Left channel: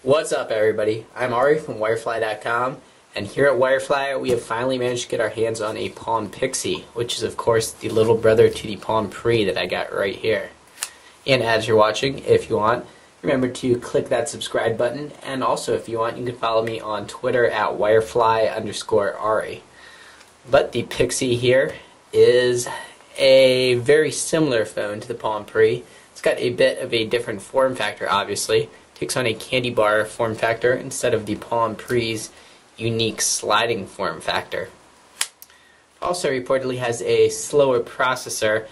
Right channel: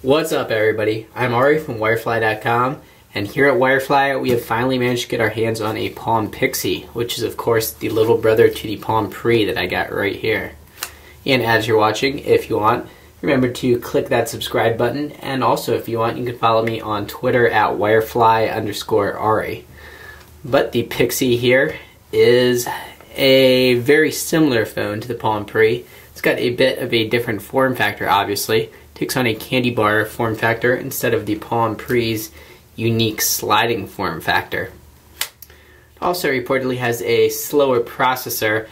What's up, everybody? I'm Ari from Wirefly.com, and here at Wirefly we have finally managed to get our hands on a Palm Pixi, which is of course the little brother to the Palm Pre that I got right here. And as you're watching, if you want, remember to click that subscribe button, and also if you want, you can follow me on Twitter at Wirefly_Ari. But the Pixi here is a very similar phone to the Palm Pre. It's got a bit of a different form factor, obviously. Takes on a candy bar form factor instead of the Palm Pre's unique sliding form factor. Also reportedly has a slower processor,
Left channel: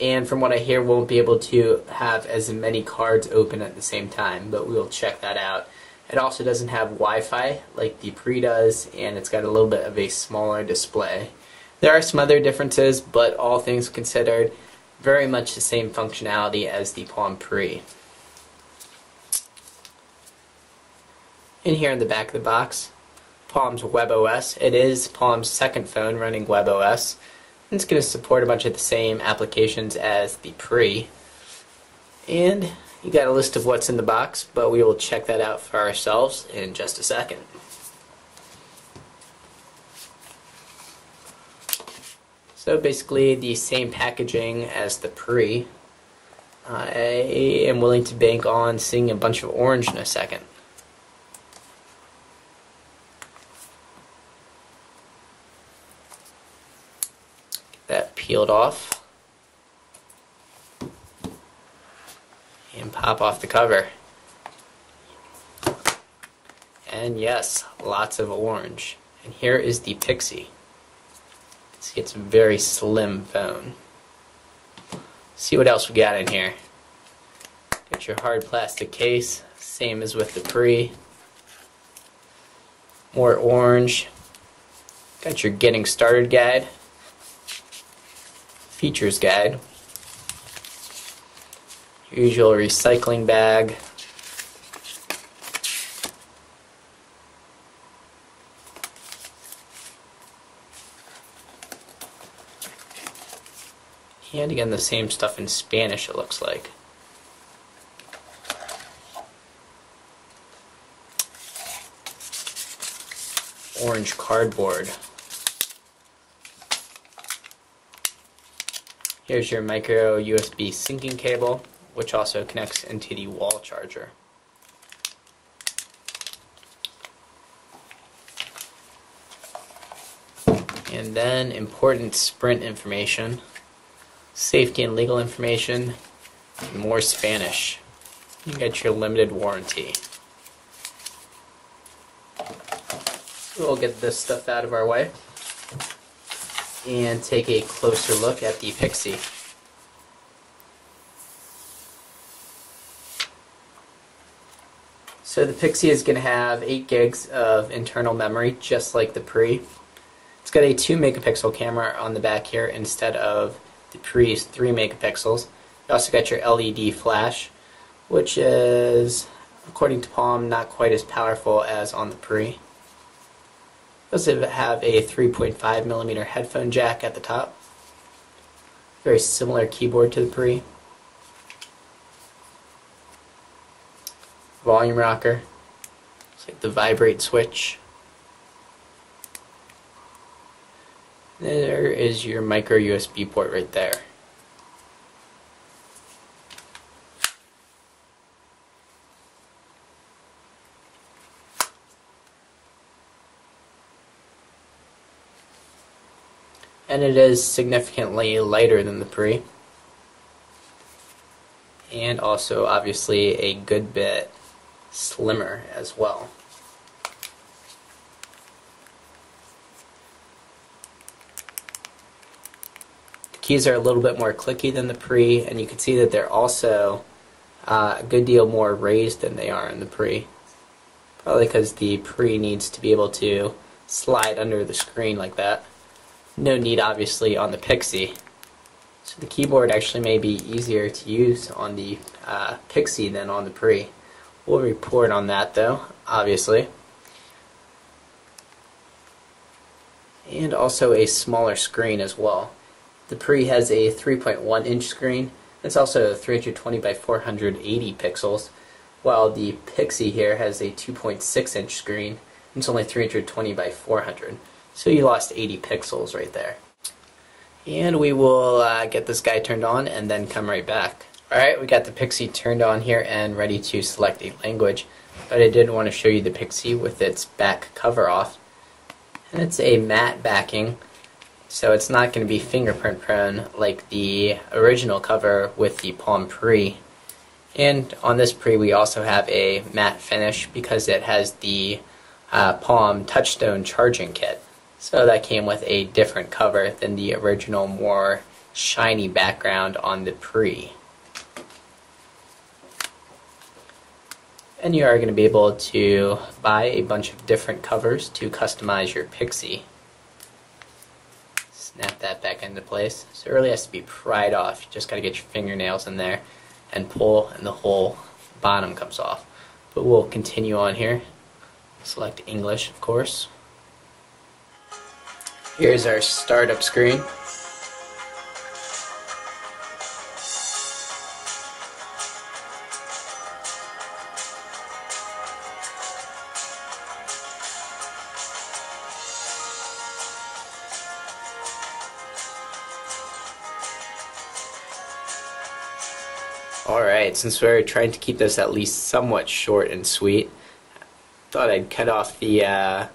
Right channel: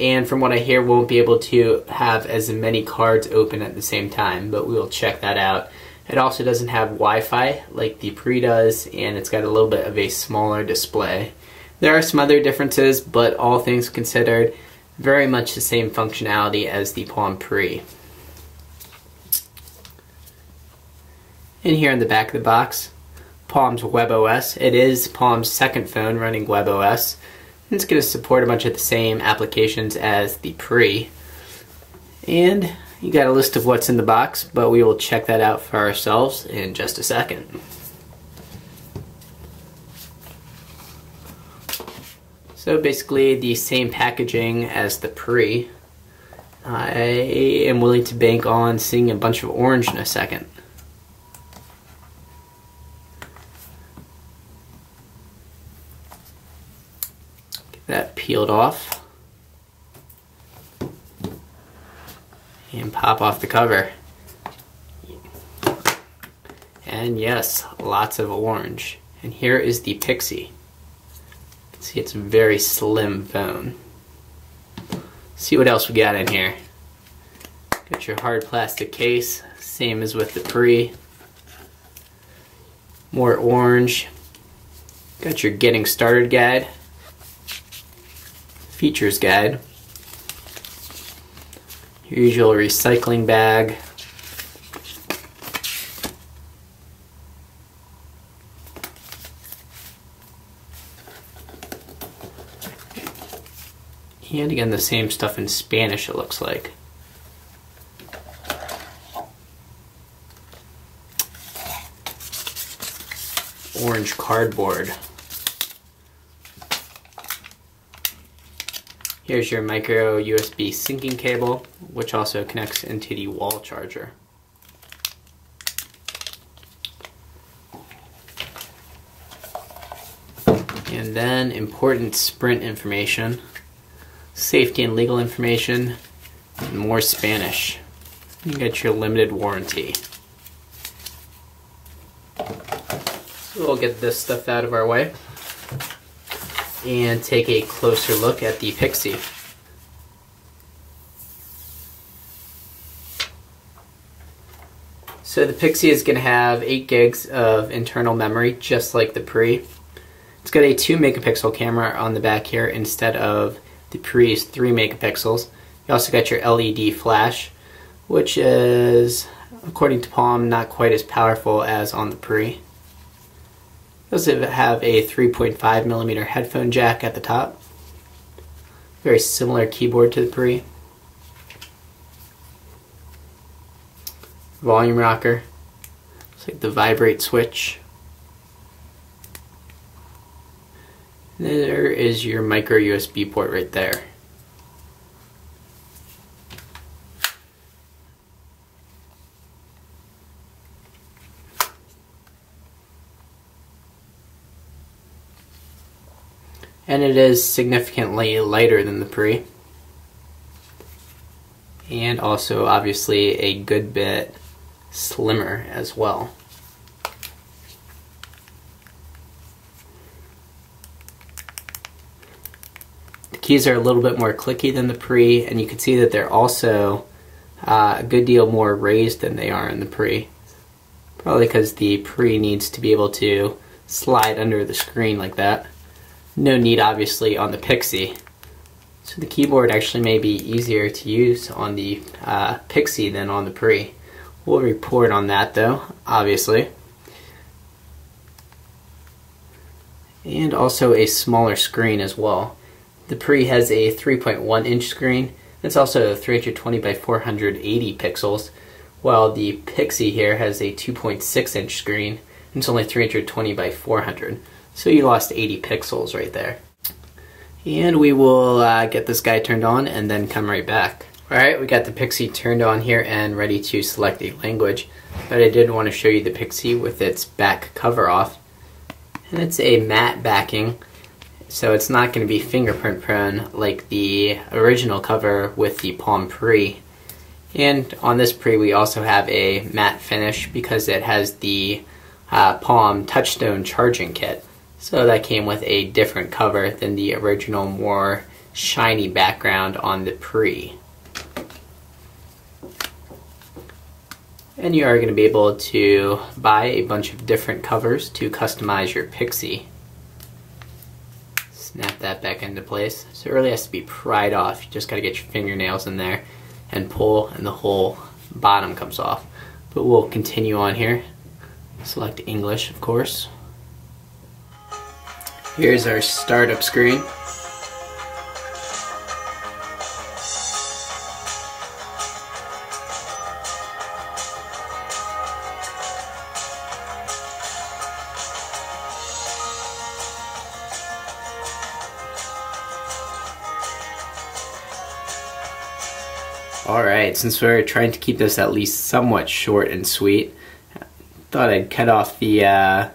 and from what I hear won't be able to have as many cards open at the same time, but we will check that out. It also doesn't have Wi-Fi like the Pre does, and it's got a little bit of a smaller display. There are some other differences, but all things considered, very much the same functionality as the Palm Pre. In here in the back of the box, Palm's WebOS. It is Palm's second phone running WebOS. It's going to support a bunch of the same applications as the Pre. And you got a list of what's in the box, but we will check that out for ourselves in just a second. So basically the same packaging as the Pre. I am willing to bank on seeing a bunch of orange in a second. That peeled off and pop off the cover, and yes, lots of orange. And here is the Pixi. See, it's a very slim phone. See what else we got in here. Got your hard plastic case, same as with the Pre. More orange. Got your getting started guide. Features guide, your usual recycling bag, and again the same stuff in Spanish, it looks like. Orange cardboard. Here's your micro USB syncing cable, which also connects into the wall charger. And then important Sprint information, safety and legal information, and more Spanish. You get your limited warranty. So we'll get this stuff out of our way and take a closer look at the Pixi. So the Pixi is going to have 8 gigs of internal memory, just like the Pre. It's got a 2 megapixel camera on the back here instead of the Pre's 3 megapixels. You also got your LED flash, which is, according to Palm, not quite as powerful as on the Pre. Does it have a 3.5mm headphone jack at the top? Very similar keyboard to the Pre. Volume rocker. It's like the vibrate switch. There is your micro USB port right there. And it is significantly lighter than the Pre, and also obviously a good bit slimmer as well. The keys are a little bit more clicky than the Pre, and you can see that they're also a good deal more raised than they are in the Pre. Probably because the Pre needs to be able to slide under the screen like that. No need, obviously, on the Pixi. So the keyboard actually may be easier to use on the Pixi than on the Pre. We'll report on that, though, obviously. And also a smaller screen as well. The Pre has a 3.1-inch screen. It's also 320 by 480 pixels, while the Pixi here has a 2.6-inch screen. It's only 320 by 400, so you lost 80 pixels right there. And we will get this guy turned on and then come right back. Alright, we got the Pixi turned on here and ready to select a language, but I did want to show you the Pixi with its back cover off. And it's a matte backing, so it's not going to be fingerprint prone like the original cover with the Palm Pre. And on this Pre we also have a matte finish because it has the Palm Touchstone charging kit. So that came with a different cover than the original more shiny background on the Pre. And you are going to be able to buy a bunch of different covers to customize your Pixi. Snap that back into place. So it really has to be pried off. You just got to get your fingernails in there and pull, and the whole bottom comes off. But we'll continue on here. Select English, of course. Here's our startup screen. Alright, since we're trying to keep this at least somewhat short and sweet, thought I'd cut off the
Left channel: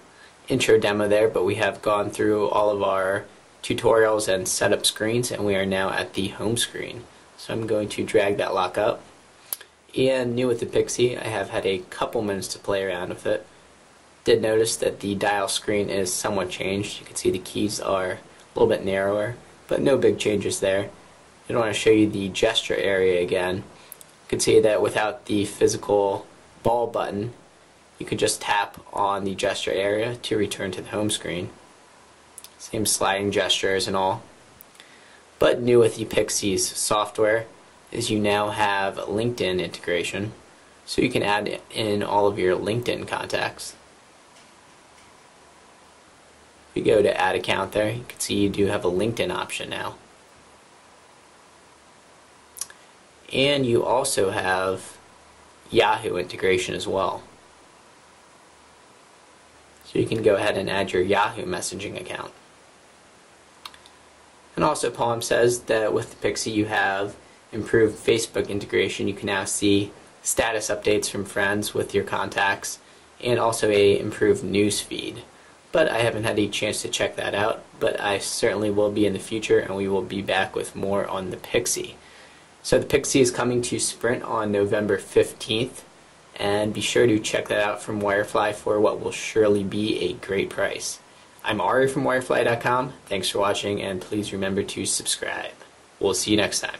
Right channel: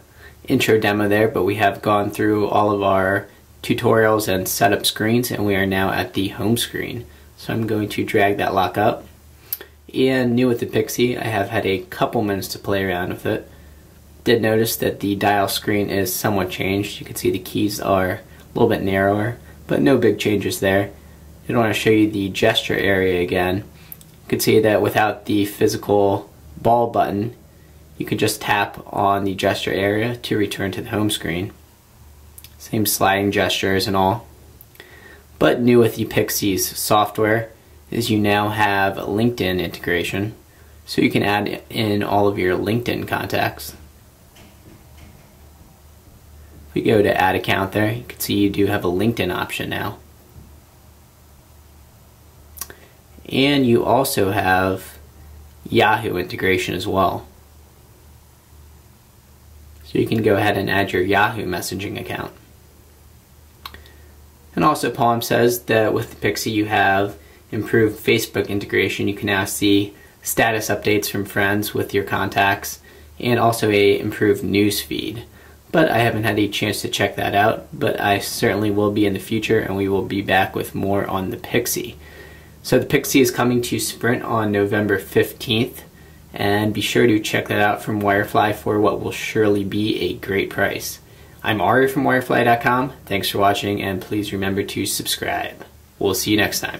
intro demo there, but we have gone through all of our tutorials and setup screens, and we are now at the home screen. So I'm going to drag that lock up. And new with the Pixi, I have had a couple minutes to play around with it. Did notice that the dial screen is somewhat changed. You can see the keys are a little bit narrower, but no big changes there. I want to show you the gesture area again. You can see that without the physical ball button, you could just tap on the gesture area to return to the home screen. Same sliding gestures and all. But new with the Pixi's software is you now have LinkedIn integration, so you can add in all of your LinkedIn contacts. We go to add account there, you can see you do have a LinkedIn option now. And you also have Yahoo integration as well. So you can go ahead and add your Yahoo messaging account. And also Palm says that with the Pixi you have improved Facebook integration. You can now see status updates from friends with your contacts, and also a improved news feed. But I haven't had a chance to check that out, but I certainly will be in the future, and we will be back with more on the Pixi. So the Pixi is coming to Sprint on November 15th, and be sure to check that out from Wirefly for what will surely be a great price. I'm Ari from Wirefly.com. Thanks for watching, and please remember to subscribe. We'll see you next time.